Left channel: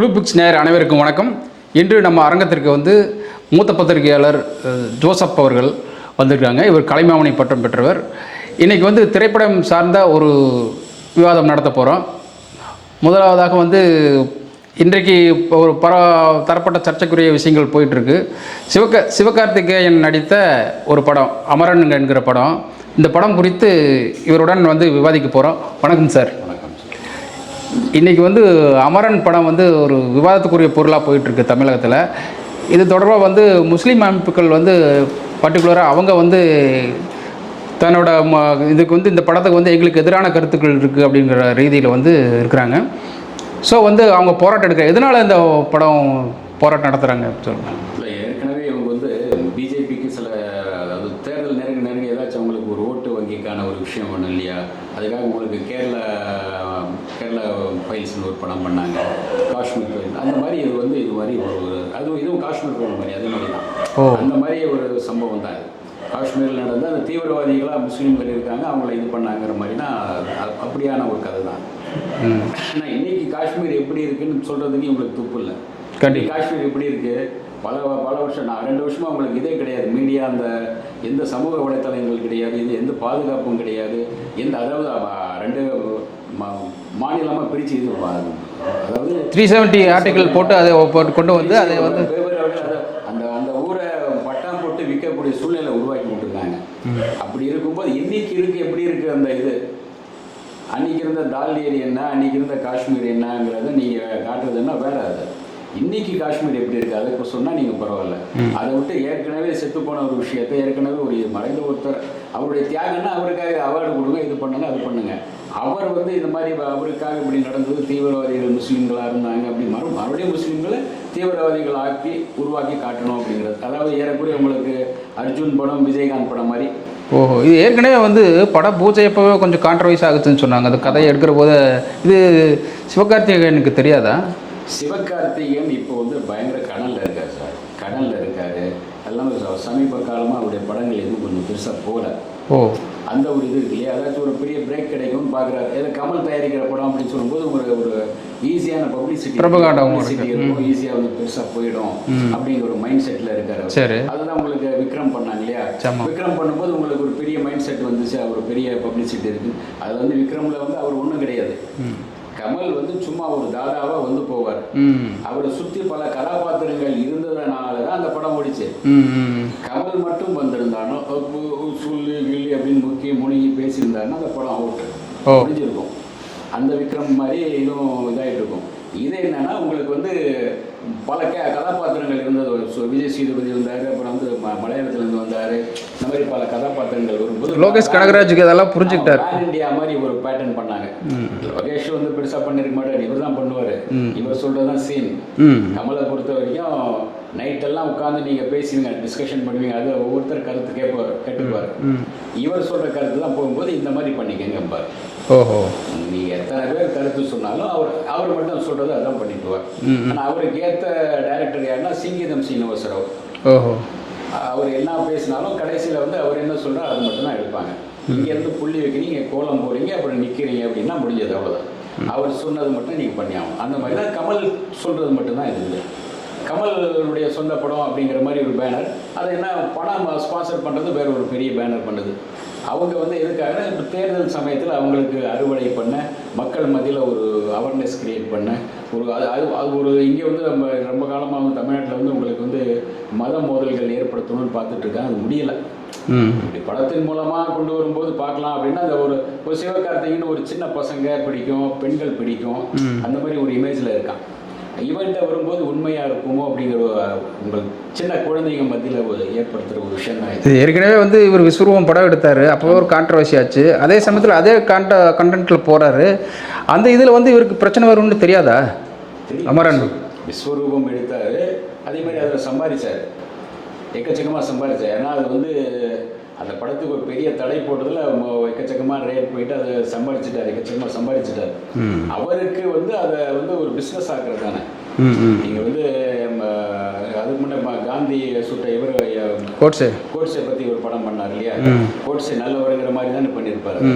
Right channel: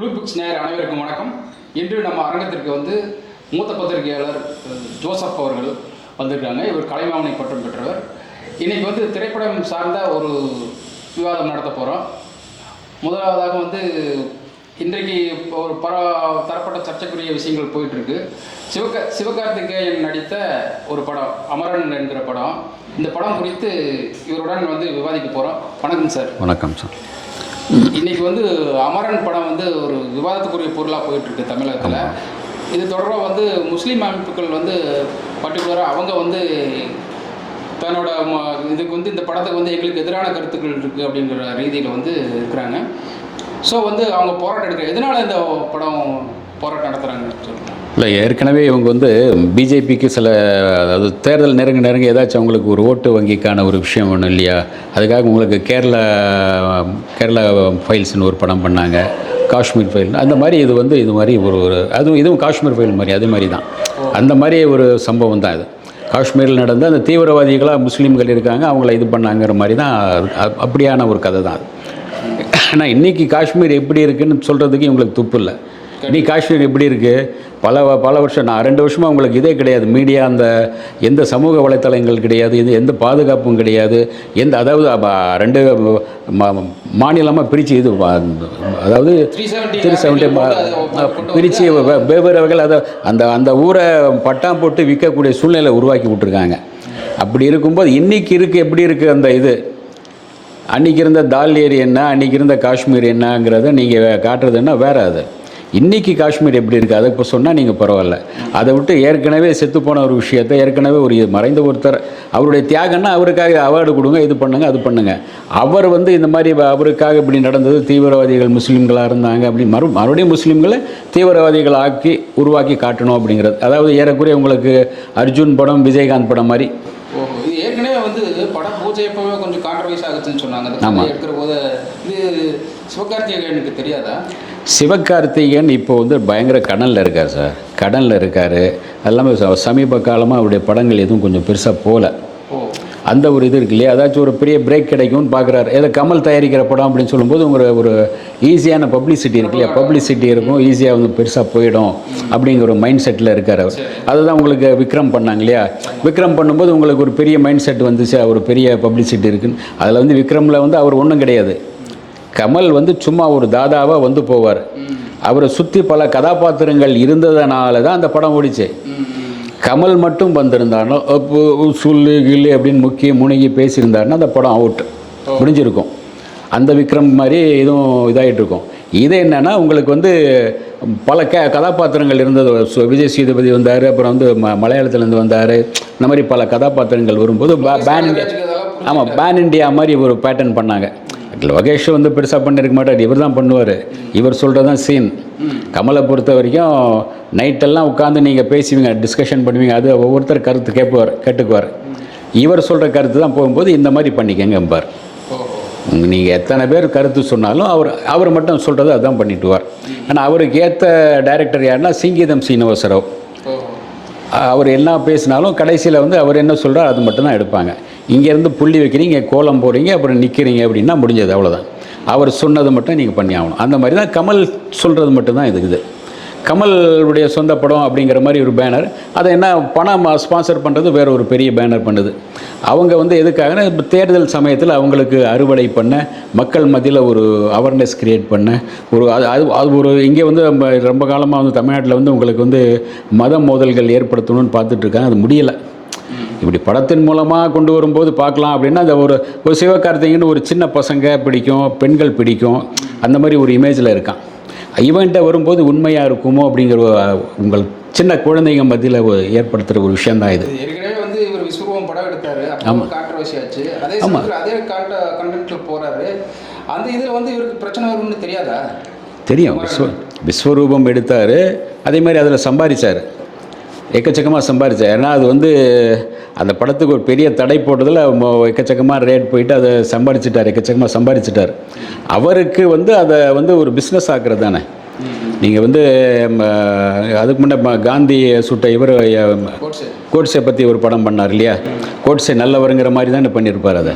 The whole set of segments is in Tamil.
ப்ளூ புக்ஸ் நேர் அனைவருக்கும் வணக்கம். இன்று நம்ம அரங்கத்திற்கு வந்து மூத்த பத்திரிகையாளர் ஜோசப் அவர்கள் வந்திருக்காங்க. இவர் கலைமாமணி பட்டம் பெற்றவர். இன்றைக்கி வந்து திரைப்படம் சார்ந்த ஒரு விவாதம் நடத்த போகிறோம் முதலாவதாக வந்து இன்றைக்கு ஒரு பர தரப்பட்ட சர்ச்சைக்குரிய விஷயங்கள் போயிட்டுருக்கு. சிவக சிவகார்த்திகேயன் நடித்த ஒரு படம் அமரன் என்கிற படம். இந்த படம் குறித்து இவருடன் வந்து விவாதிக்க போகிறோம் வணக்கம் சார். வணக்கம் சார். இன்னைக்கு வந்து அமரன் படம் வந்து ஒரு விவாதத்துக்குரிய பொருளாக போயிட்டுருக்கு தமிழகத்தில். இது தொடர்பாக வந்து முஸ்லீம் அமைப்புகள் வந்து பர்டிகுலராக அவங்க வந்து தன்னோட ம- இதுக்கு வந்து இந்த படத்துக்கு வந்து எங்களுக்கு எதிரான கருத்துக்கள் இருக்குது அப்படிங்கிற ரீதியில் வந்து இருக்கிறாங்க. ஸோ வந்து அவங்க போராட்டம் எடுக்க எதனால் இந்த படம் போராட்டம் நடத்துகிறாங்க இல்லை ஏற்கனவே இவங்க வந்து பிஜேபிக்கு சில அதாவது தேர்தல் நெருங்க நெருங்க ஏதாச்சும் அவங்களுக்கு ஒரு ஓட்டு வங்கிக்கான ஒரு விஷயம் ஒன்றும் இல்லையா? அதுக்காக உங்களுக்கு கேரளா கேரளா ஃபைல்ஸ்னு ஒரு படம் பண்ணாங்க. காஷ்மீர் ஃபைல் அந்த மாதிரி இது வந்து இது மாதிரி ஒரு ஒரு அதுவும் இதுவும் காஷ்மீர் ஃபைல் மாதிரி அது மாதிரி தான். அந்த மாதிரி ஒரு சம்பவம் தான் இது. காஷ்மீரில் நடந்த அந்த தீவிரவாதிகளாக முஸ்லீம்கள் இருக்காங்க அவங்கள இது பண்ணாங்கிற மாதிரி தான் அப்படியான ஒரு கதை தான் ஆனால் இன்னைக்கு காஷ்மீர் எப்படி இருக்குன்னு சொல்கிறதுக்கு இவங்களுக்கு துப்பு இல்லை. கனி காஷ்மீர் எப்படி இருக்குது பல பல வருஷம் நான் ரெண்டு வருஷமாக உங்களுக்கு இதே கிடையாது. மீடியா அந்த எந்த சமூக வலைத்தளங்கள் கிடையாது. இது எந்த பாதுகாப்பும் கிடையாது. எந்த அதாவது ரெண்டு மாநிலமாக பிரித்து இது அதாவது த்ரீ செவன்ட்டி பிரித்து வெவ்வேறு வகையில் அதை அந்த அந்த ஊரை பட்டாம் போட்டு விற்கக்கூடிய சூழ்நிலை உருவாக்கி விட்டுருக்காங்க. அப்படி இருக்கும்போது இன்னைக்கு இருக்குது எப்படி இருக்குது அந்த இது? அன்னைக்கு இருந்த தால் ஏரி என்ன? அன்னைக்கு இருந்த காஷ்மீர் என்னங்கிறத நீங்கள் காட்டுறதுன்னா வேற அது. இன்னைக்கு காஷ்மீர் எப்படி இருக்குது அதை இப்போ சொன்னால் நீங்கள் பரவாயில்ல. அதை விட்டு ஏற்கனவே செத்து போன ஒரு விஷயத்தை ஏற்கனவே ஒரு மறைந்த ஒருத்தர் அவருடைய தியாகம்னா அவருக்காக அவார்டு கொடுங்க இது பண்ணுங்க அது பண்ணுங்க. அவர் வந்து இந்த மாதிரி அவருக்காக இப்படி நடந்தது தீவிரவாதிகள் முஸ்லீம்களாக இருந்தாங்க அப்படி மறு மறுபடியும் முஸ்லீம்களை தீவிரவாதிகள் ஆக்கி உருவாக்கி காட்டணும் அப்படிங்கிறது. அதாவது ஏறக்குறைய உங்களுக்கு அர்ஜுன் படம் விஜயகாந்த் படம் மாதிரி. ஓஹோ இது ஏற்கனவே வந்து படம் பூஜை அப்பவே கொஞ்சம் கான்ட்ரவைஸ் ஆகுதுன்னு சொன்னாங்க. அந்த கதையை எடுக்கிற போது இது சிவகார்த்திகேயனுக்கு தெரியாதா? சிவகார்த்திகேயன் இப்போ வந்து பயங்கர கடனில் இருக்கார் சார். கடனில் இருக்கார். எல்லாமே சமீப காலமாக அவருடைய படங்கள் எதுவும் கொஞ்சம் பெருசாக போகல அந்த ஒரு இது இருக்கு இல்லையா? ஏதாச்சும் ஒரு பெரிய பிரேக் கிடைக்கும்னு பார்க்குறாரு ஏதோ கமல் தயாரிக்கிற படம் அப்படின்னு சொல்லும்போது ஒரு ஒரு ஈஸியான பப்ளிசிட்டி இருக்கு பப்ளிசிட்டி இருக்கும். ஈஸியாக வந்து பெருசாக போயிடும் அப்படிங்கிற ஒரு மைண்ட் செட்டில் இருக்கார் அவர். அதுதான் உங்களுக்கு விக்ரம் பண்ணாங்க இல்லையா? விக்ரம் பண்ணும்போது உங்களுக்கு ஒரு பெரிய மைண்ட் செட் வந்துச்சு. ஒரு பெரிய பப்ளிசிட்டி இருக்குன்னு. அதில் வந்து விக்ரமில் வந்து அவர் ஒன்றும் கிடையாது. கமல் வந்து சும்மா ஒரு தாதாவாக வந்து போவார். அவரை சுற்றி பல கதாபாத்திரங்கள் இருந்ததுனால தான் அந்த படம் ஓடிச்சு. கமல் மட்டும் வந்திருந்தானோ சொல்லு கில்லு அப்படின்னு முக்கிய முணுகி பேசியிருந்தாருன்னா அந்த படம் அவுட் முடிஞ்சிருக்கும். அந்த விக்ரம் மாதிரி இதுவும் இதாகிட்டு இருக்கும் இது என்னன்னா உங்களுக்கு வந்து பல க கதாபாத்திரங்கள் இருந்தது. விஜய் சேதுபதி வந்தார் அப்புறம் வந்து ம மலையாளத்துலேருந்து வந்தார். இந்த மாதிரி பல கதாபாத்திரங்கள் வரும்போது பேன் இண்டியா மாதிரி ஒரு பேட்டர்ன் பண்ணாங்க. லோகேஷ் வந்து பெருசாக பண்ணியிருக்க மாட்டார். இவர் தான் பண்ணுவார். இவர் சொல்கிறது தான் சீன் கமலை பொறுத்த வரைக்கும் நைட்டெல்லாம் உட்காந்து நீங்கள் பேசுவீங்க டிஸ்கஷன் பண்ணுவீங்க. அது ஒவ்வொருத்தர் கருத்து கேட்புவார் கேட்டுக்குவார். இவர் சொல்கிற கருத்து தான் போகும்போது இந்த மாதிரி பண்ணிக்கங்க எம்பார் ஓஹோ. நீங்கள் எத்தனை பேர் கருத்து சொன்னாலும் அவர் அவர் மட்டும் சொல்கிறது அதான் பண்ணிட்டுவார். ஆனால் அவருக்கு ஏற்ற டைரக்டர் யாருன்னா சிங்கீதம் சீனிவாசராவ். ஓஹோ. அவர் என்ன பேசினாலும் கடைசியில் வந்து அவர் என்ன சொல்கிறார் அது மட்டும் தான் எடுப்பாங்க. இங்கேருந்து புள்ளி வைக்கிறீங்க கோலம் போடுறீங்க அப்புறம் நிற்கிறீங்க அப்படின்னா முடிஞ்சது அவ்வளோதான் அவர் சொன்னது மட்டும் நீங்கள் பண்ணி ஆகணும் அந்த மாதிரி தான் கமல் சொல்கிறது மட்டும்தான் இது இது. கமலுடைய சொந்த படம் அப்படிங்கிற மாதிரி ஒரு பேனர் அதை என்ன பணம் ஸ்பான்சர் பண்ணுறது வேற ஒரு பெரிய பேனர் பண்ணுது. அவங்க வந்து எதுக்காகனா இப்போ தேர்தல் சமயத்தில் அவங்களுக்கு அறுவடை பண்ண மக்கள் மத்தியில் ஒரு அவேர்னஸ் க்ரியேட் பண்ண ஒரு அது அது அது ஒரு இங்கே வந்து நம்ம ரொம்ப காலமாக வந்து தமிழ்நாட்டில் வந்து உங்களுக்கு வந்து மத மோதல்கள் ஏற்படுத்தணும்னு பார்த்துட்ருக்காங்க அது முடியலை. இப்படி படத்தின் மூலமாக கொண்டு வரும்போது பார்க்கலாம் அப்படின்னா அந்த ஒரு ஒரு சிவகார்த்திகேயன் ஒரு சின்ன பசங்க பிடிக்கும் பெண்கள் பிடிக்கும் அந்த மாதிரி ஒரு இமேஜில் இருக்கான். இவன்கிட்ட வரும்போது உண்மையாக இருக்குமோ அப்படிங்கிற ஒரு, உங்கள் சின்ன குழந்தைங்க மத்தியில் ஏற்படுத்துகிற ஒரு விஷயந்தான் இது. இது ஏற்கனவே வந்து இவர் விஸ்வரூபம் படம் எடுத்தார். அப்போ ஒரு கான்ட்ரவர்சி ஆச்சு. அதே சமயத்தில் அதே கான்ட கண்டென்ட்டில் போகிறாரு அந்த இதில் வந்து இவருக்கு பிரச்சனை வரும்னு தெரியாதா? தெரியும். விஸ்வரூபம் எடுத்தார். அதே மாதிரி அதில் சம்பாதிச்சார். எக்கச்சக்கமாக சம்பாதிச்சார் ஏன்னா அது வந்து அந்த படத்துக்கு ஒரு பெரிய தடை போட்டதில் எக்கச்சக்கமாக ரேட் போயிட்டு அதை சம்பாதிச்சிட்டார் எக்கச்சக்கமாக சம்பாதிச்சிட்டார் அவருக்கு வந்து அதை வந்து ஒரு பிஸ்னஸ் ஆக்குறது தானே. நீங்கள் வந்து அதுக்கு முன்னே காந்தி சுட்ட இவர் கோட்ஸு. கோட்ஸை பற்றி ஒரு படம் பண்ணார் இல்லையா? கோட்ஸை நல்லவருங்கிற மாதிரி தானே பண்ணியிருப்பார் அதை.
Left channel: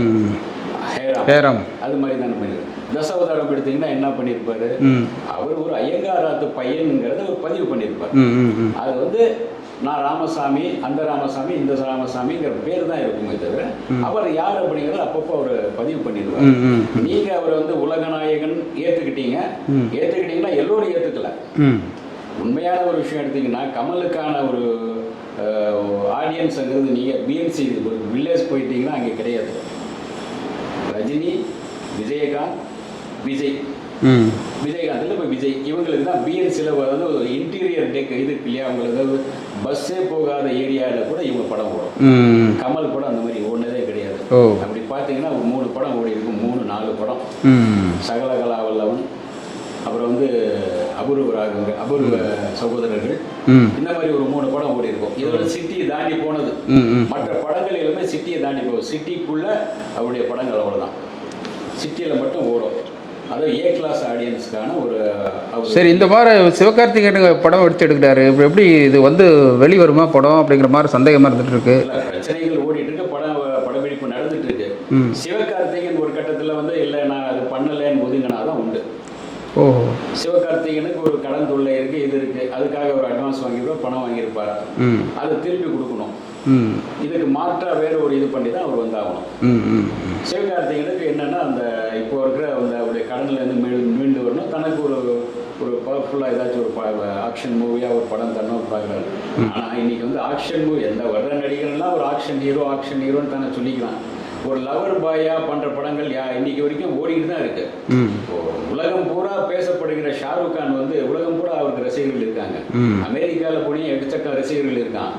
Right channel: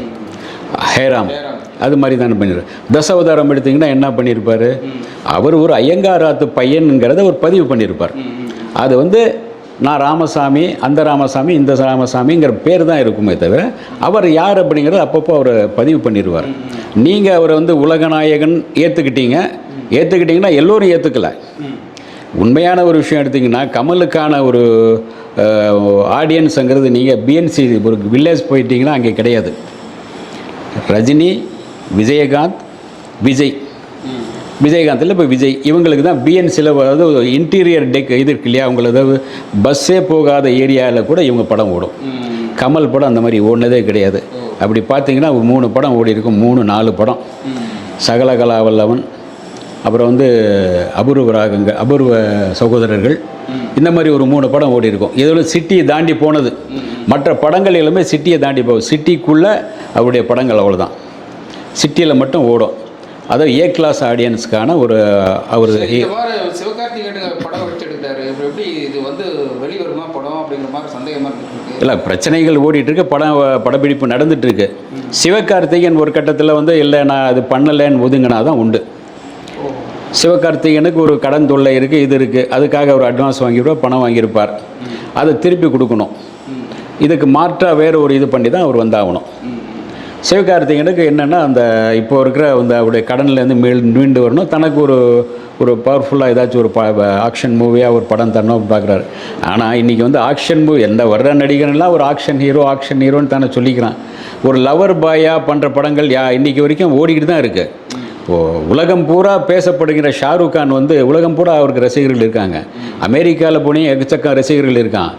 ஹேராம். ஹேராம். அது மாதிரி தானே பண்ணிடுறாரு தசாவதாரம் எடுத்தீங்கன்னா என்ன பண்ணியிருப்பாரு? அவர் ஒரு ஐயங்காராத்து பையனுங்கிறத ஒரு பதிவு பண்ணியிருப்பார். அது வந்து நான் ராமசாமி அந்த ராமசாமி இந்த ராமசாமிங்கிற பேர் தான் இருக்குமே தவிர அவர் யார் அப்படிங்கிறத அப்பப்போ அவர் பதிவு பண்ணிடுவார். நீங்கள் அவரை வந்து உலகநாயகன் ஏற்றுக்கிட்டீங்க ஏற்றுக்கிட்டீங்கன்னா எல்லோரும் ஏற்றுக்கல உண்மையான ஒரு விஷயம் எடுத்தீங்கன்னா கமலுக்கான ஒரு ஆடியன்ஸுங்கிறது நீங்கள் பிஎன்சி ஒரு வில்லேஜ் போயிட்டீங்கன்னா அங்கே கிடையாது. ரஜினி விஜயகாந்த் விஜய். விஜயகாந்தில் இப்போ விஜய் இவங்களுக்கு தான் பிஎன்சியில் அதாவது இன்டீரியர் டெக் இது இருக்கு இல்லையா? அவங்கள அதாவது பஸ்ஸே போகாத ஏரியாவில் கூட இவங்க படம் ஓடும். கமல் படம் அந்த மாதிரி ஓடினதே கிடையாது. அப்படி பார்த்தீங்கன்னா ஒரு மூணு படம் ஓடி இருக்கும். மூணு நாலு படம். ம். சகல கலாவல்லவன் அப்புறம் வந்து அபூர்வ ராகங்க அபூர்வ சகோதரர்கள். இந்த மாதிரி ஒரு மூணு படம் ஓடி இருக்கும். இதோட சிட்டியை தாண்டி போனது. மற்ற படங்கள் எல்லாமே சிட்டியை தாண்டி போகும் சிட்டிக்குள்ளே அவருடைய படங்கள் அவ்வளோதான் சிட்டியில் மட்டும் ஓடும். அதாவது ஏ கிளாஸ் ஆடியன்ஸ்க்கான ஒரு அவர் சரி இந்த மாதிரி சிவகார்த்திகேயன் படம் எடுத்து எடுக்கிறாரு இப்போ எப்படி இது வந்து வெளி வருமா படம் அப்படிங்கிற மாதிரி சந்தேகமாக இருந்துட்டு இருக்கு. இல்லை பிரச்சனைகள் ஓடிட்டு இருக்கு படம் படப்பிடிப்பு நடந்துட்டு இருக்கு. சிவகார்த்திகேயன் ஒரு கட்டத்தில் வந்து இல்லை நான் அது பண்ணலைன்னு ஒதுங்கினா தான் உண்டு. ஓ சிவகார்த்திகேயனுக்கு ஒரு கடன் தொல்லை இருக்குது இது இருக்குது அதுக்காக ஒரு அட்வான்ஸ் வாங்கியிருப்பார் பணம் வாங்கியிருப்பார். அதை திருப்பி கொடுக்கணும். இதுக்கு மாற்றாக வேற ஒரு இது பண்ணி தான் அவர் வந்தாகணும். சிவகார்த்திகேயனுக்கு என்னென்னா அந்த இப்போ இருக்கிற அந்த அவருடைய கடன்லேருந்து மீள் மீண்டு வரணும். தனக்கு ஒரு ஒரு பவர்ஃபுல்லாக ஏதாச்சும் ஒரு ஆக்ஷன் மூவியாக ஒரு படம் தரணும் பார்க்குறாரு. ஆனால் இன்றைக்கி வந்து ஆக்ஷன் மூவி எந்த வர்ற நடிகர்லாம் ஒரு ஆக்ஷன் ஹீரோ ஆக்ஷன் ஹீரோன்னு தானே சொல்லிக்கிறான். ஒரு லவர் பாயாக பண்ணுற படங்கள் யா இன்னைக்கு வரைக்கும் ஓடிக்கிட்டு தான் இருக்குது இப்போது உலகம் பூரா பேசப்படுகிற ஷாருக் கான் வந்து உலகம் பூரா அவருக்கு ரசிகர்கள் இருக்காங்க. அமெரிக்காவில் போனே எக்கச்சக்க ரசிகர்கள் இருக்கான்.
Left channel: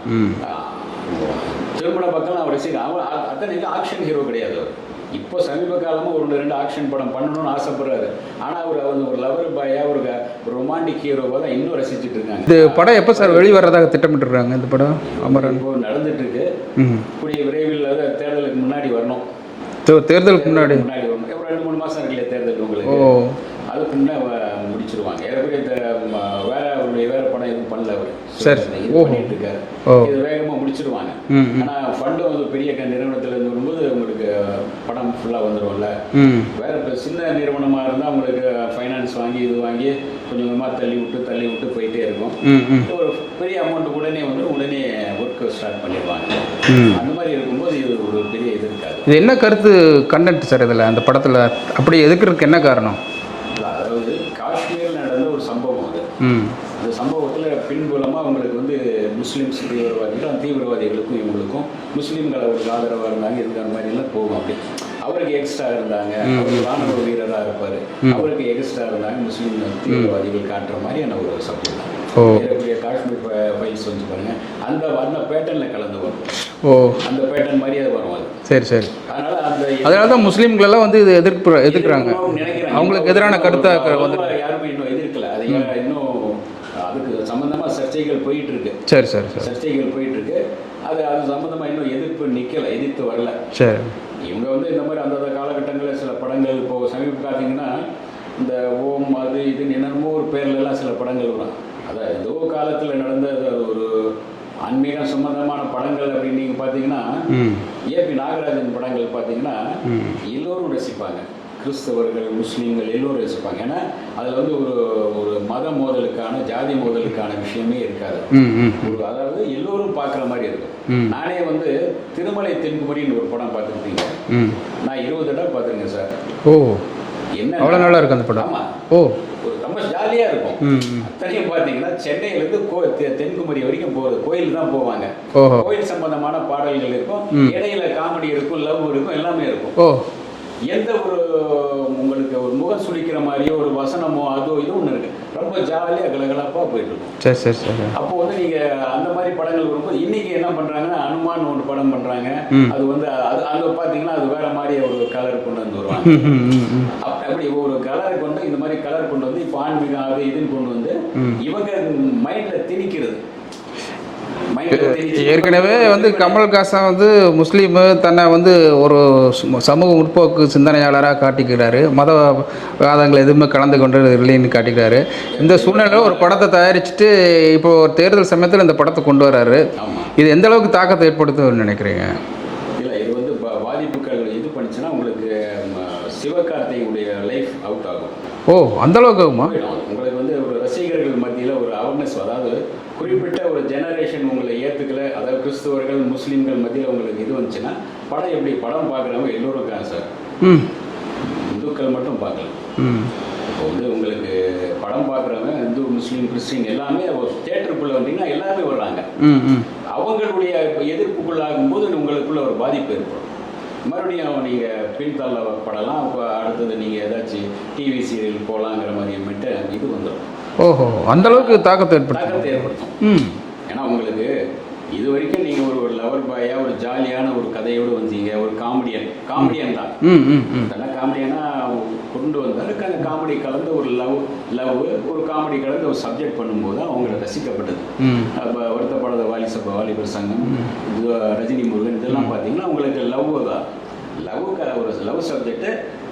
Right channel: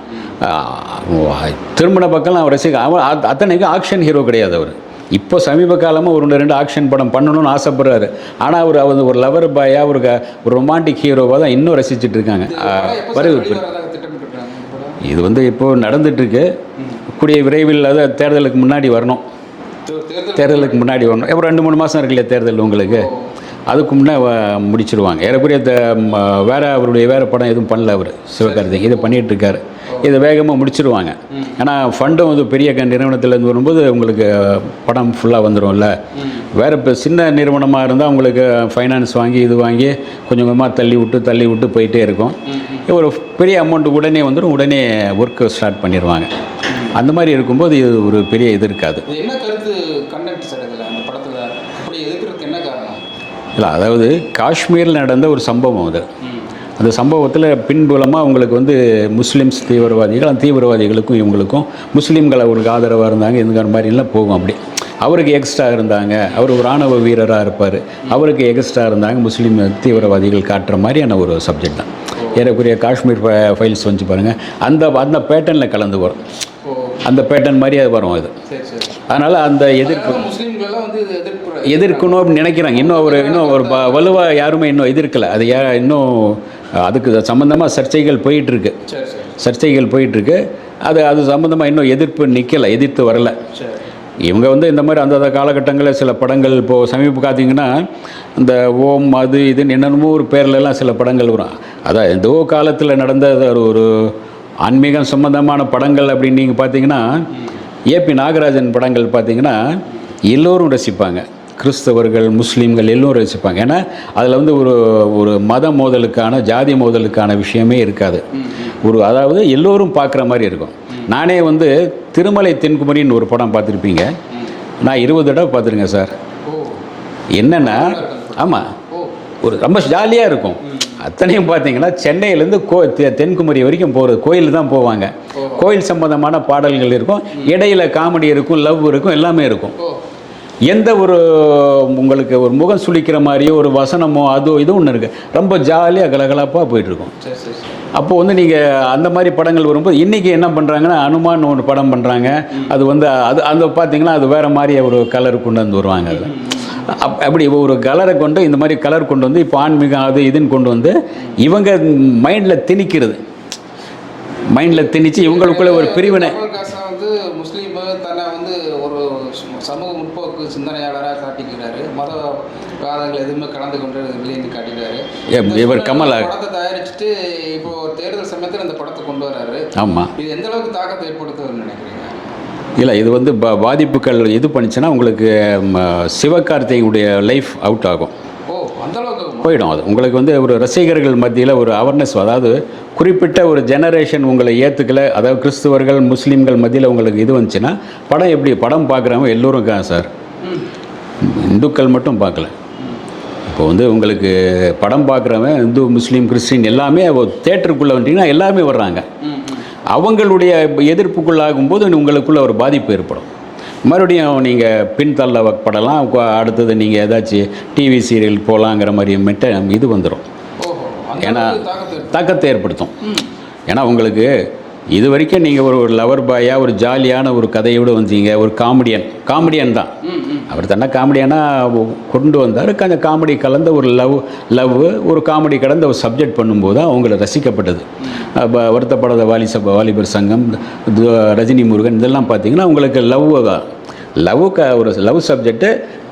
திருமண பக்கம்லாம் அவர் ரசிகர் அவன் அத்தனைக்கும் ஆக்ஷன் ஹீரோ கிடையாது அவர். இப்போ சமீப காலமாக ஒரு ரெண்டு ரெண்டு ஆக்ஷன் படம் பண்ணணும்னு ஆசைப்படுறாரு. ஆனால் அவர் அவர் ஒரு லவர் பாயா ஒரு ஒரு ரொமான்டிக் ஹீரோவாக தான் இன்னும் ரசிச்சிட்டு இருக்காங்க. இது படம் எப்போ சார் வெளிவரதாக திட்டமிட்டுருக்காங்க இந்த படம்? இது வந்து இப்போ நடந்துட்டு இருக்கு. கூடிய விரைவில் அது தேர்தலுக்கு முன்னாடி வரணும். தேர்தல் தேர்தலுக்கு முன்னாடி. வரணும். இப்போ ரெண்டு மூணு மாதம் இருக்கு இல்லையா தேர்தல் உங்களுக்கு. அதுக்கு முன்னே முடிச்சிருவாங்க. ஏறக்குறைய வேற அவருடைய வேற படம் எதுவும் பண்ணல அவர் சிவகார்த்திக் இது பண்ணிட்டு இருக்காரு இதை வேகமாக முடிச்சிருவாங்க. ஆனால் ஃபண்டும் வந்து பெரிய க- நிறுவனத்திலேருந்து வரும்போது உங்களுக்கு படம் ஃபுல்லாக வந்துரும்ல. ம். வேற இப்போ சின்ன நிறுவனமாக இருந்தால் உங்களுக்கு ஃபைனான்ஸ் வாங்கி இது வாங்கி கொஞ்சம் கொஞ்சமாக தள்ளி விட்டு தள்ளி விட்டு போயிட்டே இருக்கும். ஒரு பெரிய அமௌண்ட் உடனே வந்துடும் உடனே ஒர்க்கு ஸ்டார்ட் பண்ணிடுவாங்க அந்த மாதிரி இருக்கும்போது இது ஒரு பெரிய இது இருக்காது. என்ன கருத்து? கண்டென்ட் சார் இதில் அந்த படத்தில்? அப்படி எதுக்குறதுக்கு என்ன காரணம்? இல்லை அதாவது காஷ்மீரில் நடந்த ஒரு சம்பவம் அது. அந்த சம்பவத்தில் பின்புலமாக உங்களுக்கு வந்து முஸ்லிம்ஸ் தீவிரவாதிகள் அந்த தீவிரவாதிகளுக்கும் இவங்களுக்கும் முஸ்லீம்கள் அவருக்கு ஆதரவாக இருந்தாங்க இந்த மாதிரிலாம் போகும் அப்படி. அவருக்கு எக்ஸ்ட்ரா இருந்தாங்க. அவர் ஒரு ராணுவ வீரராக இருப்பார். அவருக்கு எக்ஸ்ட்ரா இருந்தாங்க. முஸ்லீம் தீவிரவாதிகள் காட்டுற மாதிரியான ஒரு சப்ஜெக்ட் தான். ஏறக்குறைய காஷ்மீர் ஃபைல்ஸ் வந்து பாருங்கள் அந்த அந்த பேட்டர்னில் கலந்து வரும். ஓ. அந்த பேட்டர்ன் மாதிரியே அது வரும் இது சரி சரி. அதனால் அந்த எதிர் அதனால தான் முஸ்லீம்கள் எல்லாம் வந்து இது எதிர்ப்பு. எதிர்க்கணும் அப்படின்னு நினைக்கிறாங்க. இன்னும் ஒரு இன்னும் ஒரு எதிரான வலுவாக யாருமே இன்னும் எதிர்க்கல. அது ஏன் இன்னும் அதுக்கு சம்மந்தமாக சர்ச்சைகள் போயிட்டு இருக்கு சரி சரி சரி. சர்ச்சைகள் போயிட்டு இருக்கு அது அது சம்மந்தமாக இன்னும் எதிர்ப்பு நிற்கலை எதிர்த்து வரல. சரி. இவங்க வந்து இந்த மாதிரி அந்தந்த காலகட்டங்களில் சில படங்கள் இப்போது சமீப பார்த்தீங்கன்னா இந்த ஓம் அது இதுன்னு என்னென்னமோ ஒரு பேர்ல எல்லாம் சில படங்கள் வரும். அதான் எந்தோ காலத்தில் நடந்த ஒரு ஒரு ஆன்மீகம் சம்பந்தமான படங்கள் அப்படின்னு நீங்கள் பார்த்தீங்கன்னா ஏபி நாகராஜன் படங்கள் பார்த்தீங்கன்னா எல்லோரும் ரசிப்பாங்க. கிறிஸ்தவர்கள் முஸ்லீம்கள் எல்லோரும் ரசிப்பாங்க. ஏன்னா அதில் வந்து ஒரு ஒரு மத மோதலுக்கான ஜாதி மோதலுக்கான விஷயமே இருக்காது. ஒரு அதாவது எல்லோரும் பார்க்குற மாதிரி இருக்கும். நானே வந்து திருமலை தென்குமரின்னு ஒரு படம் பார்த்துருப்பீங்க. நான் இருபது தடவை பார்த்துருங்க சார். ஓ. என்னன்னா அவ்வளவு நல்லா இருக்கு அந்த படம். ஆமாம் ஓ. ஒரு ரொம்ப ஜாலியாக இருக்கும். அத்தனையும் பார்த்தீங்கன்னா சென்னையிலேருந்து கோ தென்குமரி வரைக்கும் போகிறது கோயில் தான் போவாங்க. கோயில் சம்பந்தமான பாடல்கள் இருக்கும். இடையில காமெடி இருக்கும் லவ் இருக்கும் எல்லாமே இருக்கும். ஓ. எந்த ஒரு உங்களுக்கு ஒரு முகம் சுளிக்கிற மாதிரியோ ஒரு வசனமோ அதோ இது ஒன்று இருக்கு. ரொம்ப ஜாலியாக கலகலப்பாக போயிட்டு இருக்கும் சரி சரி சரி. அப்போ வந்து நீங்கள் அந்த மாதிரி படங்கள் வரும்போது இன்னைக்கு என்ன பண்ணுறாங்கன்னா அனுமான் ஒரு படம் பண்ணுறாங்க அது வந்து அது அந்த பார்த்தீங்கன்னா அது வேற மாதிரி ஒரு கலர் கொண்டு வந்து வருவாங்க. அப்- அப்படி ஒரு கலரை கொண்டு இந்த மாதிரி கலர் கொண்டு வந்து இப்போ ஆன்மீகம் அது இதுன்னு கொண்டு வந்து இவங்க மைண்டில் திணிக்கிறது. மைண்டில் திணிச்சு கமல்ஹாசன் வந்து முஸ்லீமு தன்னை வந்து ஒரு சம- சமூக முற்போக்கு சிந்தனையாளராக காட்டிக்கிறாரு. மத வாதங்கள் எதுவுமே கலந்து கொண்டு இல்லைன்னு காட்டிக்கிறாரு. இந்த சூழ்நிலை படத்தை தயாரிச்சுட்டு இப்போ தேர்தல் சமயத்தில் இந்த படத்தை கொண்டு வராரு. ஆமாம் இது எந்த அளவுக்கு தாக்கத்தை ஏற்படுத்தும்னு நினைக்கிறீங்க? இல்லை இது வந்து பாதிப்புகள் இது பண்ணுச்சுன்னா உங்களுக்கு ம, சிவகார்த்திகையுடைய லைஃப் அவுட் ஆகும். ஓ அந்த அளவுக்கு போயிடும் அது. உங்களுக்கு வந்து ஒரு ரசிகர்கள் மத்தியில் ஒரு அவேர்னஸ் அதாவது குறிப்பிட்ட ஒரு ஜெனரேஷன் உங்களை ஏற்றுக்கல அதாவது கிறிஸ்துவர்கள் முஸ்லீம்கள் மத்தியில் உங்களுக்கு இது வந்துச்சுன்னா படம் எப்படி படம் பார்க்குறவங்க எல்லோரும் இருக்காங்க சார். ம். இந்துக்கள் மட்டும் பார்க்கல. ம். இப்போ வந்து உங்களுக்கு படம் பார்க்குறவன் இந்து முஸ்லீம் கிறிஸ்டின் எல்லாமே தேட்டருக்குள்ளே வந்துட்டீங்கன்னா எல்லாருமே வர்றாங்க. அவங்களுடைய எதிர்ப்புக்குள்ளாகும்போது உங்களுக்குள்ள ஒரு பாதிப்பு ஏற்படும். மறுபடியும் நீங்கள் பின்தள்ளப்படலாம் கொ- அடுத்தது நீங்கள் ஏதாச்சும் டிவி சீரியல் போகலாங்கிற மாதிரி மெட்ட இது வந்துடும் ஓஹோ அந்த தாக்கத்தை தாக்கத்தை ஏற்படுத்தும். ஏன்னா உங்களுக்கு இது வரைக்கும் நீங்கள் ஒரு ஒரு லவர் பாயாக ஒரு ஜாலியான ஒரு கதையோடு வந்தீங்க ஒரு காமெடியன் காமெடியன் தான். அவர் தானே காமெடியானாக கொண்டு வந்தார். கொஞ்சம் காமெடி கலந்த ஒரு லவ் லவ் ஒரு காமெடி கலந்த ஒரு சப்ஜெக்ட் பண்ணும்போது தான் அவங்கள ரசிக்கப்பட்டது. வருத்தப்படாத வாலி சப வாலிபர் சங்கம் ரஜினி முருகன் இதெல்லாம் பார்த்தீங்கன்னா உங்களுக்கு லவ் தான். லவ்வுக்கு ஒரு லவ் சப்ஜெக்ட்டு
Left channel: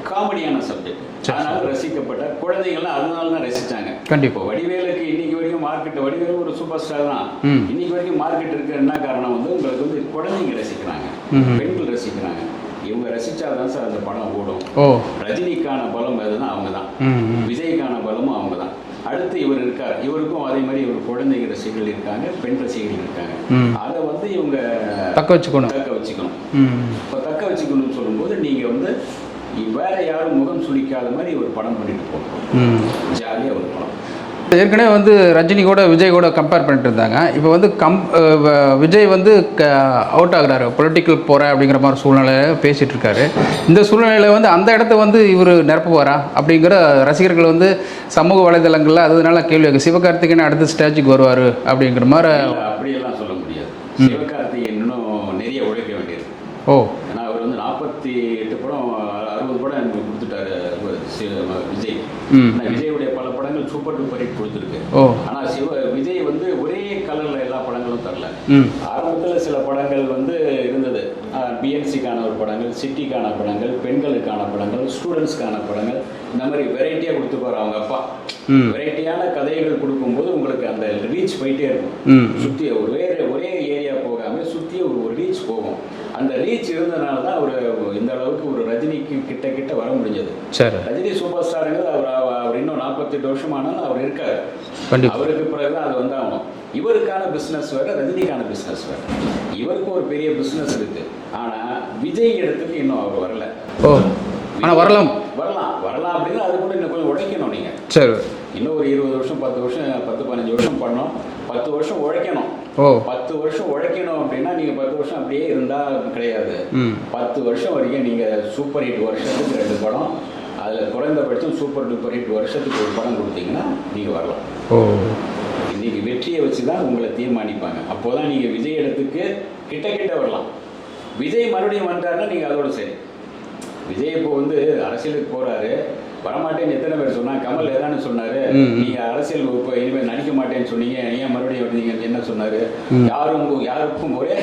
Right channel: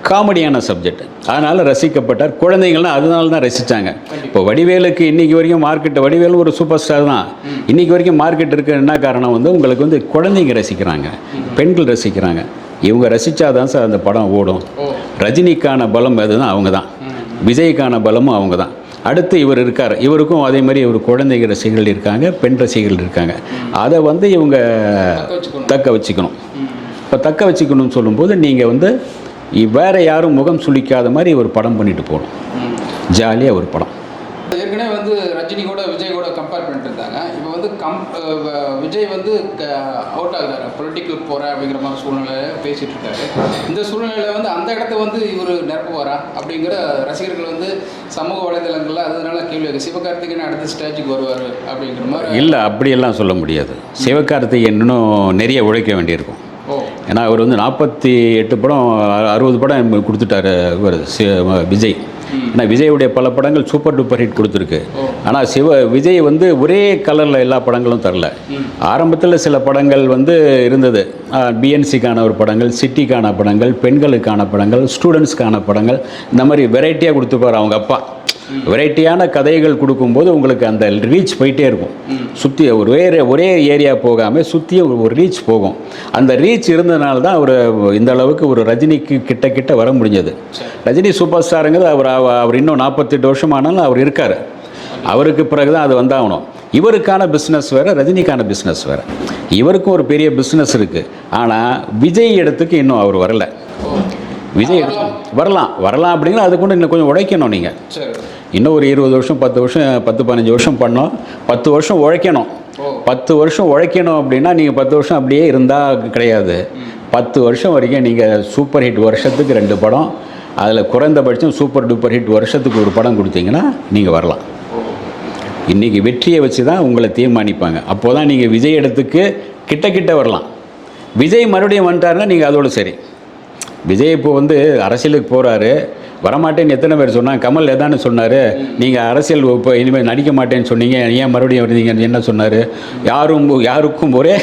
காமெடியான சப்ஜெக்ட் அதனால் ரசிக்கப்பட்டார். குழந்தைங்கள்லாம் அதனால தான் ரசித்தாங்க. இப்போ வடிவேலுக்கு இன்னைக்கு வரைக்கும் மார்க்கெட் வடிவேலு ஒரு சூப்பர் ஸ்டார் தான் இன்னைக்கு வரைக்கும் மார்க்கெட் இருக்கு. என்ன காரணம் வந்து உங்களுக்கு வந்து குழந்தைங்க ரசிக்கிறாங்க. பெண்கள் ரசிக்கிறாங்க. இவங்க ரசிச்சாதான் சார் அந்த படம் ஓடும். ரஜினிக்கான பலம் அதுதான் அவங்க தான் விஜய்க்கான பலமும் அவங்க தான் அடுத்து இவர் இருக்கார். இவருக்கும் அதே மாதிரி ஒரு குழந்தைங்க ரசிகர்கள் இருக்காங்க பெண் ரசிகர்கள் இருக்காங்க. அதை வந்து இவங்க தக்க வச்சுக்கணும். தக்க வச்சுக்கணும். இப்போ தக்க வச்சுக்கணும்னு சொல்லும்போது நீங்கள் வந்து வேற யாரும் முகம் சுளிக்காத மாதிரி ஒரு படம் பண்ணிட்டு போகணும். ஜாலியாக ஒரு படம். ஏற்கனவே வந்து ரஜினி கூட விஜய் கூட கம்பேர் பண்ணிட்டு இருந்தாங்க. இப்போ வந்து கம் விஜய் வந்து அவுட் ஆகுறாரு. பொலிட்டிக்கல் போகிறேன் அப்படிங்கிற மாதிரி சூழ்நிலையில பேசிட்டு இருக்காரு. இந்த சூழ்நிலையில வந்து அந்த இடத்த வந்து இவர் நிரப்புவாரா? அப்படிங்கிற ரசிகர்கள் வந்து சமூக வலைதளங்களில் அதனால கேள்வி சிவகார்த்திகேயன் அடுத்த ஸ்டேஜுக்கு வருவார் அப்படிங்கிற மாதிரி இல்லை அப்படியெல்லாம் சொல்ல முடியாது. சிவகார்த்திகேயன் இன்னும் நிறைய உழைக்க வேண்டியிருக்கும். ஓ. ஏன்னா அவர் வந்து நாற்பத்தி எட்டு படம் அறுபது படம் கொடுத்துட்டாரு இவர் விஜய். ஆனால் விஜயுடைய பல படங்கள் சூப்பர் டூப்பர் ஹிட் கொடுத்துருக்கு. ஆனால் சிவ விஜய் வந்து ஒரே கலரில் எல்லா படங்களும் தரல. ஆரம்பத்தில் சில படங்கள் வந்து இருந்தது. பிஎன்சிக்கான ஒரு படங்கள் சிட்டிக்கான படங்கள் பெண்களுக்கான படங்கள் ஸ்டூடெண்ட்ஸ்க்கான படங்கள். இந்த மாதிரி வெரைட்டியாக கொடுத்துருப்பார் அவங்க அப்பா. வெரைட்டியான கதைகள் கொடுக்கும்போது உங்களுக்கு அந்த ரீச் போயிட்டே இருக்கும். சுற்றி ஒரு வேறு ஒரே ஏரியா போகாமல் சுற்றி ஒரு ரீச் போகும். அந்த ரீச் இருந்ததுனால தான் அவர் இந்த அளவுக்கு ஒரு ரஜினிக்கு கிட்ட கிட்ட வர முடிஞ்சது. ரஜினி சூப்பர் ஸ்டாருங்கிறது அவர் அவ- அவர் இன்னும் நாற்பத்தெட்டு வருஷம் ஆனாலும் அவர் இருக்கார். அவருக்கு பிறகு தான் அது வந்தாகணும். இவருக்கான பிஸ்னஸ் வேறு ரஜினிக்கான பிஸ்னஸ் வேறு. இவருக்கும் ஒரு பெரிய பிஸ்னஸ் இருக்குது ஆனால் விஜய் இடத்துக்கு இன்னும் அவர் வரல. ஓ விஜய் வரலாம். வரலாம். வரலாம் அப்படிங்கிற அது கூட இன்னும் கொஞ்சம் உழைக்கணும் நீங்கள் சரி. இன்னும் ஒரு இருபது வருஷம் பத்து வருஷம் பத்து பதினஞ்சு வருஷம் பண்ணோம். பத்து வருஷம் உழைக்கணும். பத்து வருஷம் உழைக்கணும் அப்படின்னா நீங்கள் பத்து வருஷம் அப்படியே இருந்தால் கிடையாது. பத்து வருஷம் வரைக்கும் நீங்கள் சூப்பர் ஹிட் வருஷத்துக்கு ரெண்டு படம். அதில் குறைந்தபட்சம் சூப்பர் டூப்பர் ஹிட் வருஷத்துக்கு ஒரு படம் கொடுத்தீங்கன்னா நீங்கள் வரலாம். ஓ. இன்றைக்கி வெற்றியை வச்சு தான் உங்களை தீர்மானிப்பாங்க. அப்போ தான் நீங்கள் விஜய் இடத்துக்கு கிட்ட கிட்ட வரலாம். விஜய் மறுபடியும் வந்துட்டாருன்னா நீங்கள் அதோட சரி. விஜய் இப்போ வந்து அரசியலுக்கு போகிறாரு வரமாட்டேன்னு எத்தனை பேர் சொன்னாங்க கமல் எதானு சொன்னார். நீங்கள் அரசியல் இப்போ இனிமேல் நடிக்க மாட்டேன்னு சொன்னீங்க. ஏன் மறுபடியும் வருவீங்கன்னு என்ன சொன்னார்? யாரும் யாருக்கும் ஒரே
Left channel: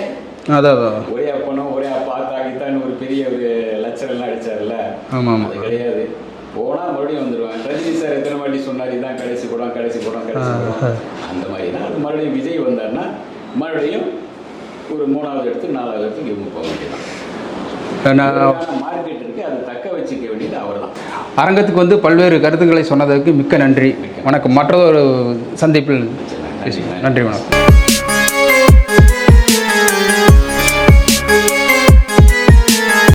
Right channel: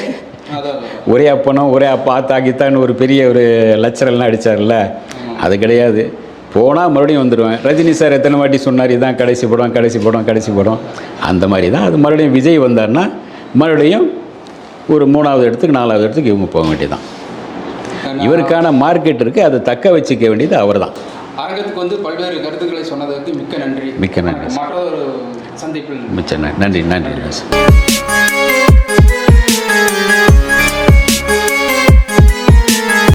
ஒரே அப்பனும் ஒரே அப்பா ஆத்தா கீத்தான்னு ஒரு பெரிய ஒரு லட்சரெல்லாம் அடிச்சார்ல. ஆமாம் அது கிடையாது. போனால் மறுபடியும் வந்துடுவேன் ரஜினி சார் எத்தனை வாட்டி சொன்னார் இதான் கடைசி படம் கடைசி படம் கடைசி படம். அந்த மாதிரி தான் அது மறுபடியும் விஜய் வந்தார்னா மறுபடியும் ஒரு மூணாவது இடத்துக்கு நாலாவது இடத்துக்கு இவங்க போக வேண்டியதுதான். நான் இவருக்கான மார்க்கெட் இருக்குது அதை தக்க வச்சுக்க வேண்டியது அவர் தான் அரங்கத்துக்கு வந்து பல்வேறு கருத்துக்களை சொன்னதற்கு மிக்க நன்றி. மிக்க. வணக்கம் மற்றொரு சந்திப்பில் மிச்சம் நன்றி. நன்றி நன்றி.